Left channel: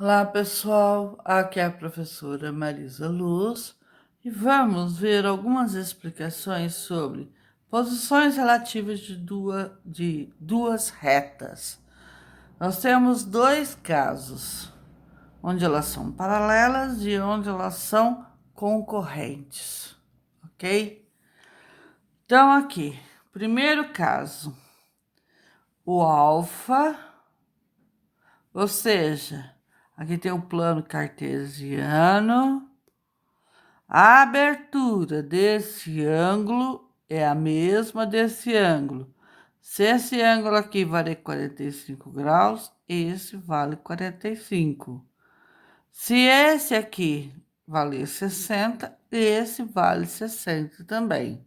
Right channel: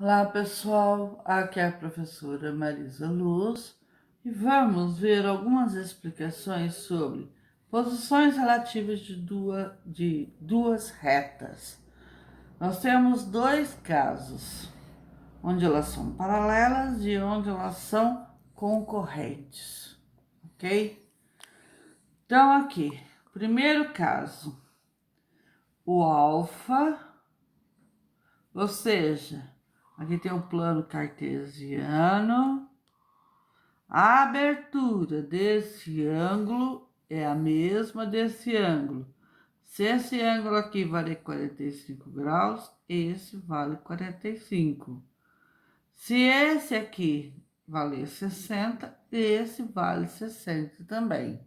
Olá, pessoal. Aqui é a professora Marisa Luz e vamos ver algumas explicações sobre posições relativas de duas retas. Nós temos dois casos, onde elas são paralelas e onde elas são concorrentes, ok? Então, aqui, primeiro caso, o alfa. Ou seja, aqui tem o plano cartesiano. A abertura desse ângulo é a mesma desse ângulo. Se esse ângulo aqui vale 45 graus, esse vale 45. Se esse aqui vale 60, esse vale 60 também.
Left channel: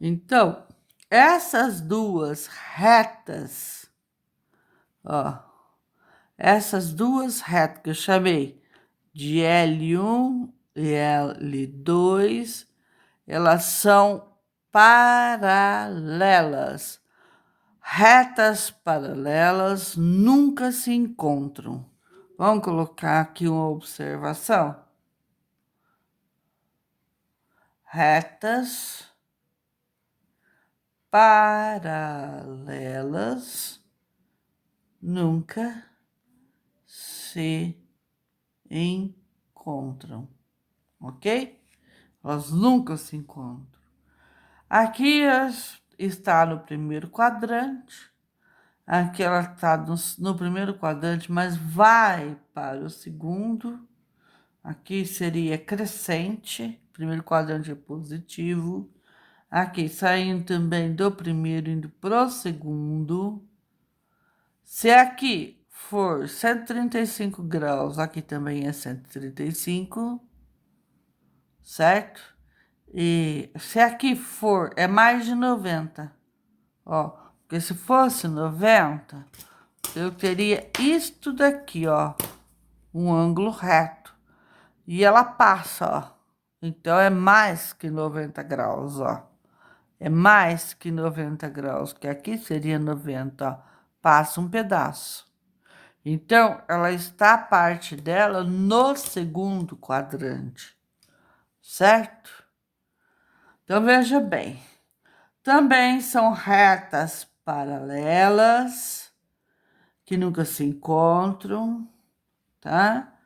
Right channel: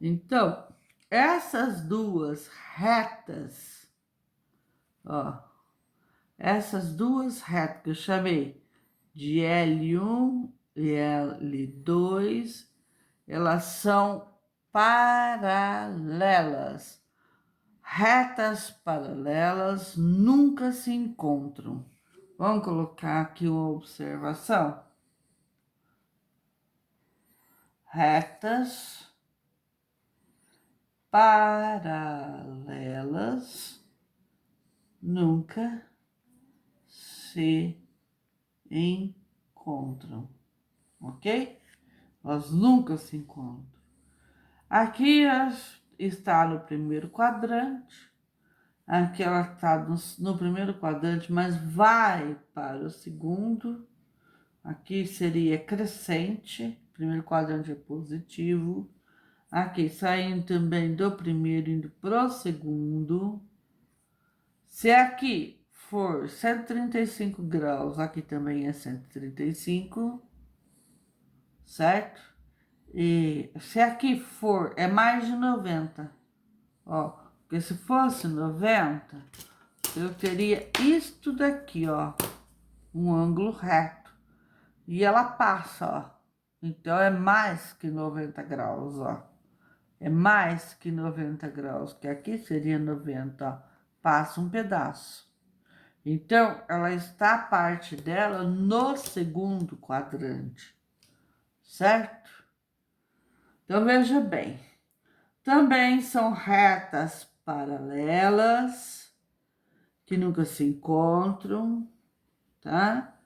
Então, essas duas retas, ó, essas duas retas que eu chamei de L1 e L2, elas são paralelas. Retas paralelas nunca se encontram. Vamos colocar aqui uma observação. Retas paralelas nunca se encontram, ok? Elas nunca se encontram. Aqui está no primeiro quadrante, aqui ela está no primeiro quadrante, mas vai para o segundo. Aqui seria crescente, primeiro quadrante é positivo. Aqui saindo também do primeiro, indo para o segundo. Se aqui for 135 graus, aqui também é 135, certo? E se aqui for, é mais de 90, ó. Porque se fosse 90, eu teria isto daqui, ó. Um ângulo reto. E ela passa, ó. Então, é mais que 90 graus, ó. É mais que 90 graus, que aqui seria 90, ó. Passa um pedaço. Então, ela está a parte dela no segundo quadrante, certo? Então, veja bem. Também são retas paralelas, que nunca se encontram, tá?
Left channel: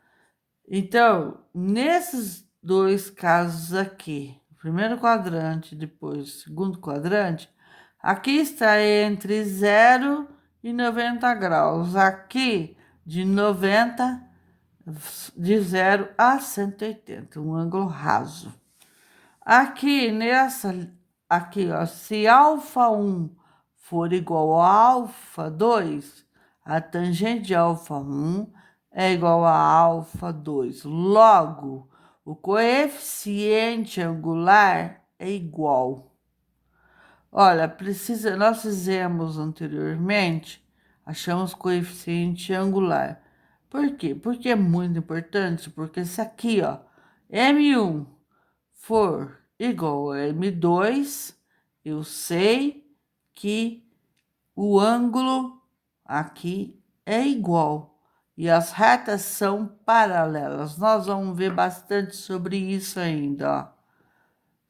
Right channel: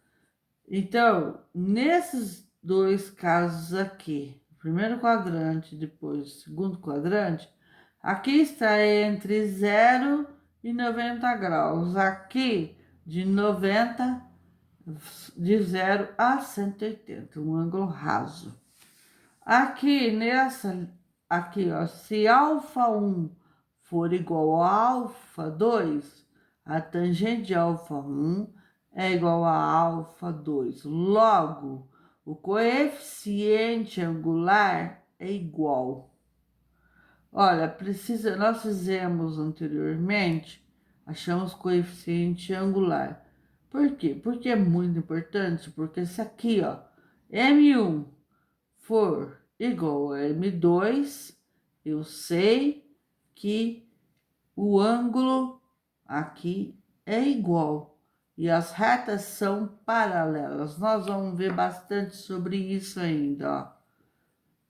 Então, nesses dois casos aqui, o primeiro quadrante, depois o segundo quadrante, aqui está entre 0 e 90 graus. Aqui, de 0 a 180, um ângulo raso. Aqui aqui, ó, se alfa 1 for igual a alfa 2, a tangente de alfa 1 é igual a alfa 2. Logo, o coeficiente angular é igual. Olha, nós fizemos anteriormente, achamos coeficiente angular. Por quê? Porque é muito importante, porque se aqui, ó, M1 for igual a M2, eu sei que o ângulo aqui é igual. E as retas são paralelas. Nós vamos ver bastante sobre isso ainda, ó.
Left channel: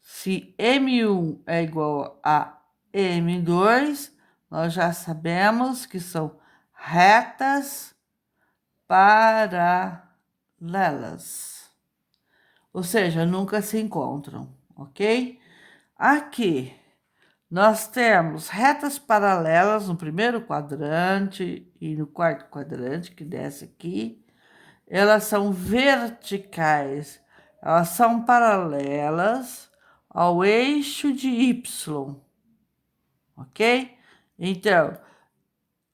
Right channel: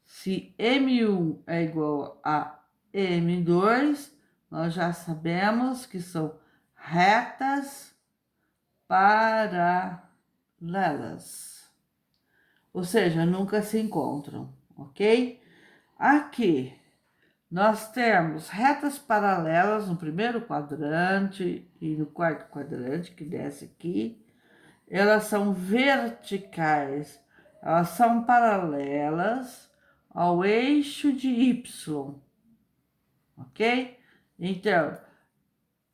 Se M1 é igual a M2, nós já sabemos que são retas paralelas. Ou seja, nunca se encontram, ok? Aqui nós temos retas paralelas no primeiro quadrante e no quarto quadrante, que desce aqui. Elas são verticais, elas são paralelas ao eixo de Y, ok? Então,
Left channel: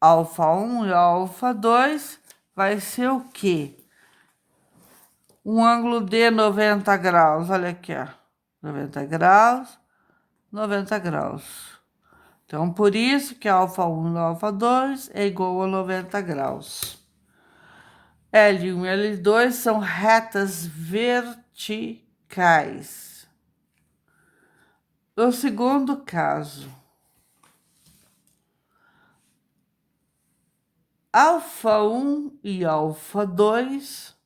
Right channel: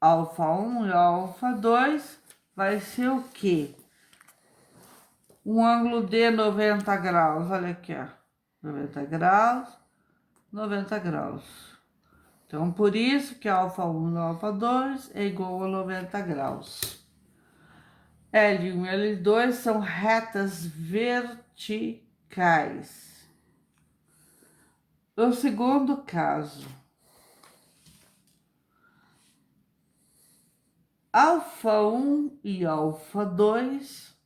alfa 1 e alfa 2 vai ser o quê? Um ângulo de 90 graus, olha aqui, ó. 90 graus, 90 graus. Então, por isso que alfa 1 e alfa 2 é igual a 90 graus. L1 e L2 são retas verticais. No segundo caso, alfa 1 e alfa 2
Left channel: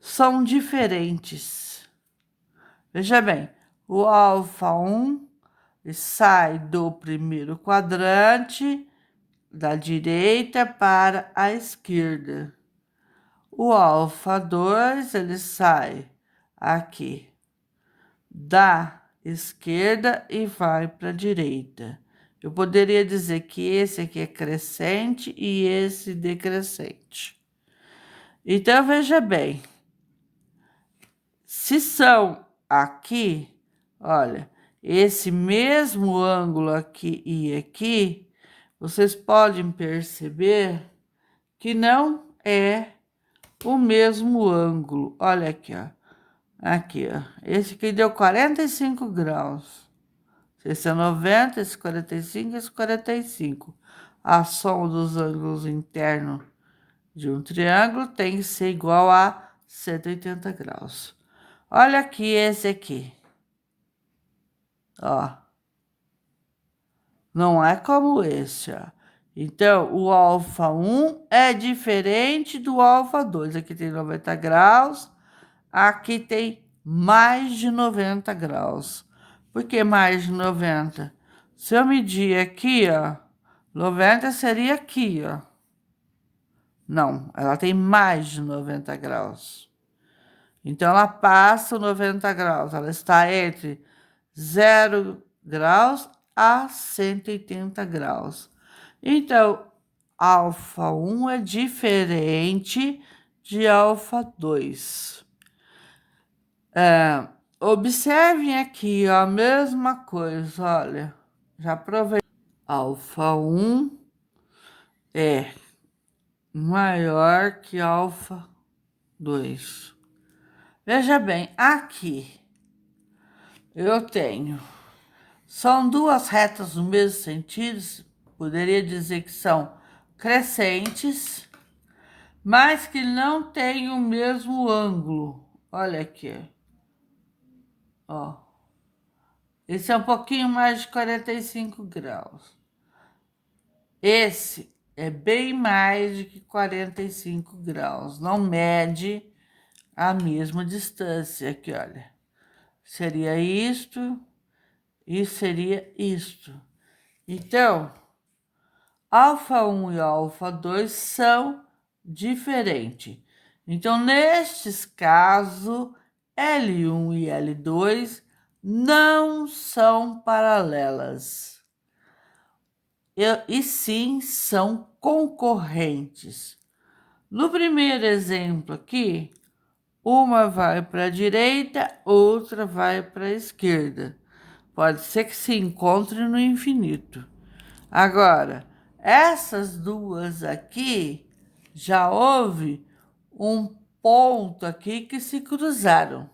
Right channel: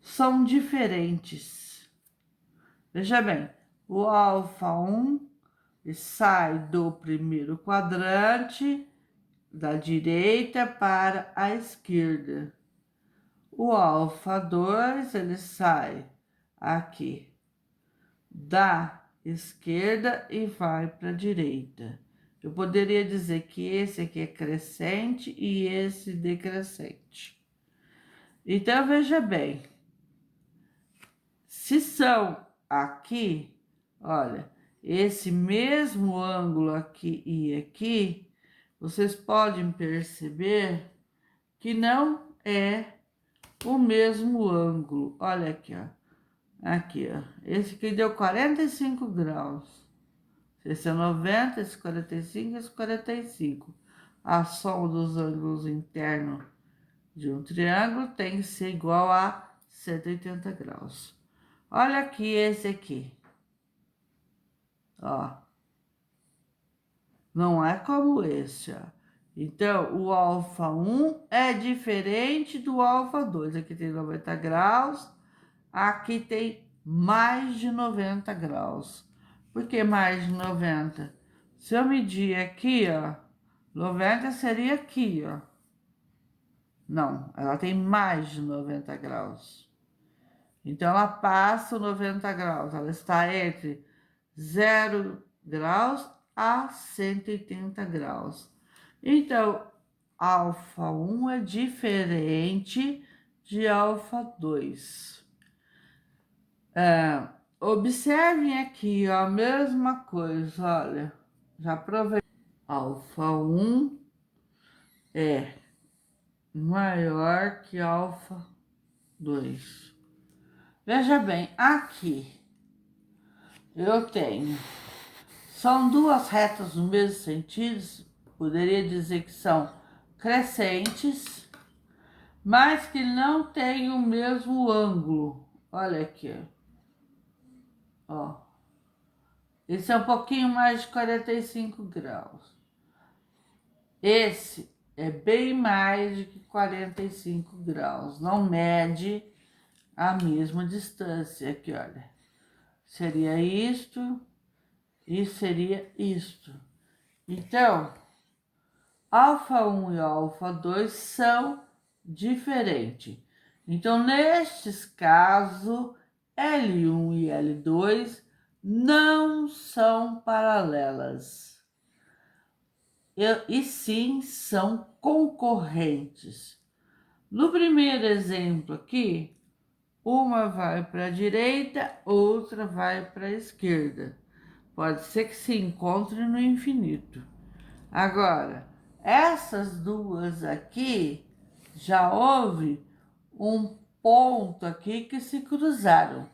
são diferentes. Veja bem, o alfa 1 sai do primeiro quadrante da direita para a esquerda. O alfa 2 ele sai aqui da esquerda e vai para a direita. Eu poderia dizer que esse aqui é crescente e esse decrescente. Então, veja bem, se são aqui, olha, esse mesmo ângulo aqui e aqui, vocês podem perceber que não é o mesmo ângulo. Olha aqui, ó. Aqui, ó. Esse aqui deu 45 graus. Esse é 90, esse 45, esse 45. A soma dos ângulos internos de um triângulo tem que ser igual a 180 graus. Olha aqui esse aqui. Ó. Não é como esse, ó. Então, o alfa 1 é diferente do alfa 2. Aqui tem 90 graus, aqui tem mais de 90 graus. Por que mais de 90? Se eu medir aqui, ó, 90 seria aqui, ó. Não, ela tem mais de 90 graus. Então, ela passa 90 graus. Ela está entre 0 graus a 180 graus. Então, alfa 1 é diferente de alfa 2. Observem aqui, ó, a mesma coisa, olha. Já provei. Alfa 1 é maior que alfa 2. Veja bem, aqui eu tenho, são duas retas no mesmo sentido, poderia dizer que são crescentes, mas que não têm o mesmo ângulo. Olha aqui, ó. Esse é um pouquinho mais de 45 graus. Esse é bem mais de que 45 graus, não mede a mesma distância. Aqui, olha, seria isto e seria isto. Então, alfa 1 e alfa 2 são diferentes. Então, nestes casos, L1 e L2 não são paralelas. E sim são concorrentes. No primeiro exemplo aqui, uma vai para a direita, outra vai para a esquerda. Pode ser que se encontre no infinito. Agora, essas duas aqui, já houve um ponto aqui que se cruzaram.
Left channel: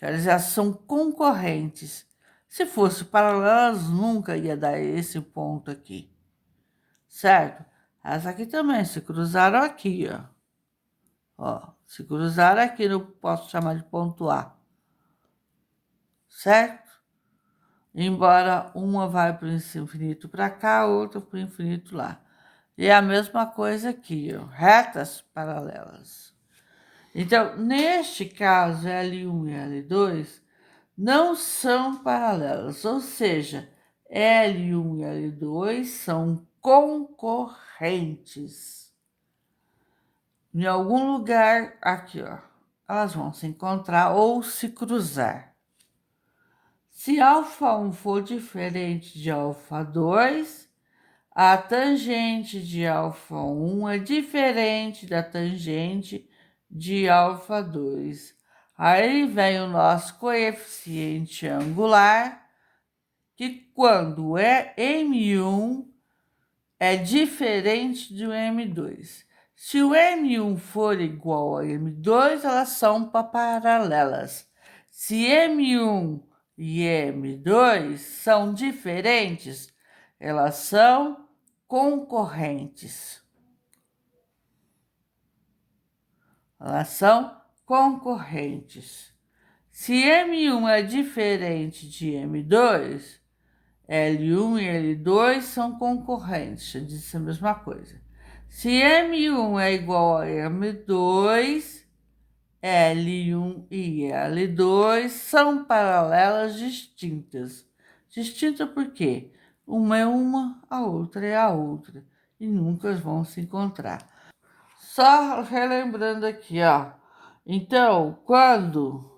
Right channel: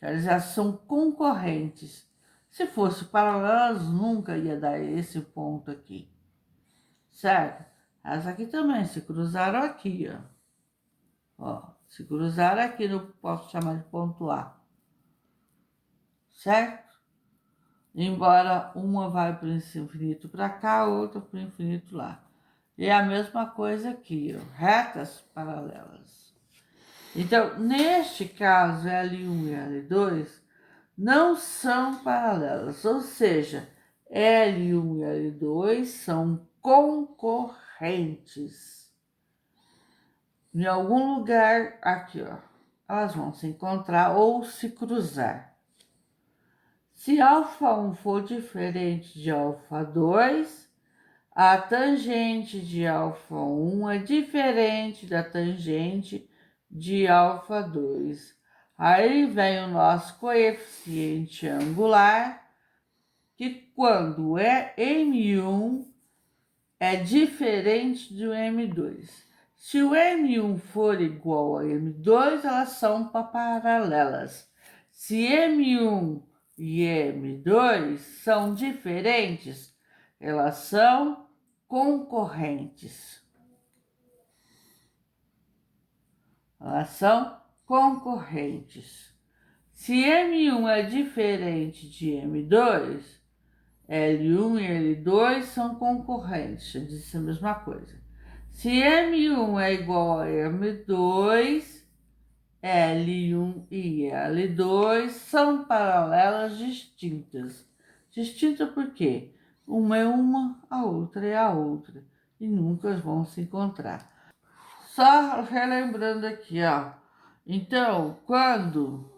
Elas já são concorrentes. Se fosse paralelas, nunca ia dar esse ponto aqui. Certo? Essa aqui também se cruzaram aqui, ó. Ó, se cruzaram aqui, eu posso chamar de ponto A. Certo? Embora uma vai para o infinito para cá, outra para o infinito lá. E é a mesma coisa aqui, ó, retas paralelas. Então, neste caso, L1 e L2 não são paralelas, ou seja, L1 e L2 são concorrentes. Em algum lugar aqui, ó, elas vão se encontrar ou se cruzar. Se alfa 1 for diferente de alfa 2, a tangente de alfa 1 é diferente da tangente de alfa 2. Aí vem o nosso coeficiente angular, que quando é M1 é diferente do M2. Se o M1 for igual a M2, elas são paralelas. Se M1 e M2 são diferentes, elas são concorrentes. Elas são concorrentes. Se M1 é diferente de M2, L1 e L2 são concorrentes. Eu disse a mesma coisa. Se M1 é igual a M2, L1 e L2 são paralelas distintas. Distinta por quê? Uma é uma, a outra é a outra. E nunca vão se encontrar. Só relembrando aqui, ó. Então, quando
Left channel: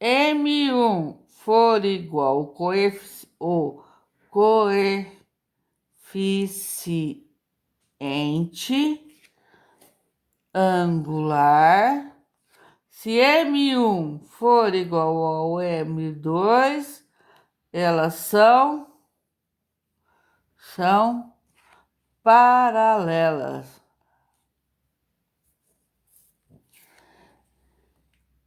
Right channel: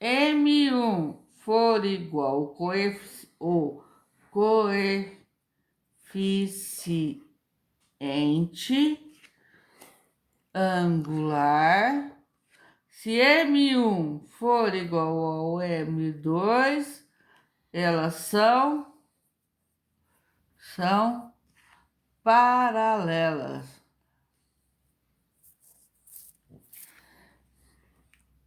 M1 for igual o coeficiente angular, se M1 for igual ao M2, elas são paralelas.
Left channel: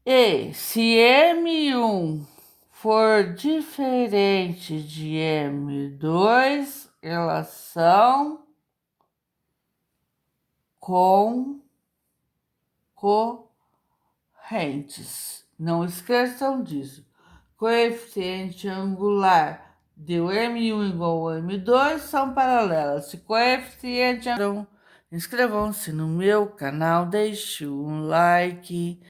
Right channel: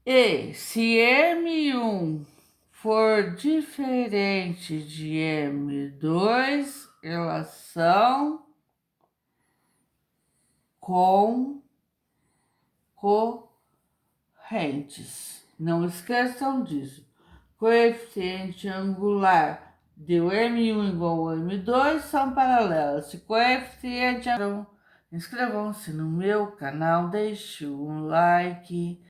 E se M1 for diferente de M2, elas são concorrentes. Não esqueçam disso. Coeficiente angular de M1 igual ao M2 são paralelas. Se coeficiente... Inscrevam-se no meu canal, deixe um like.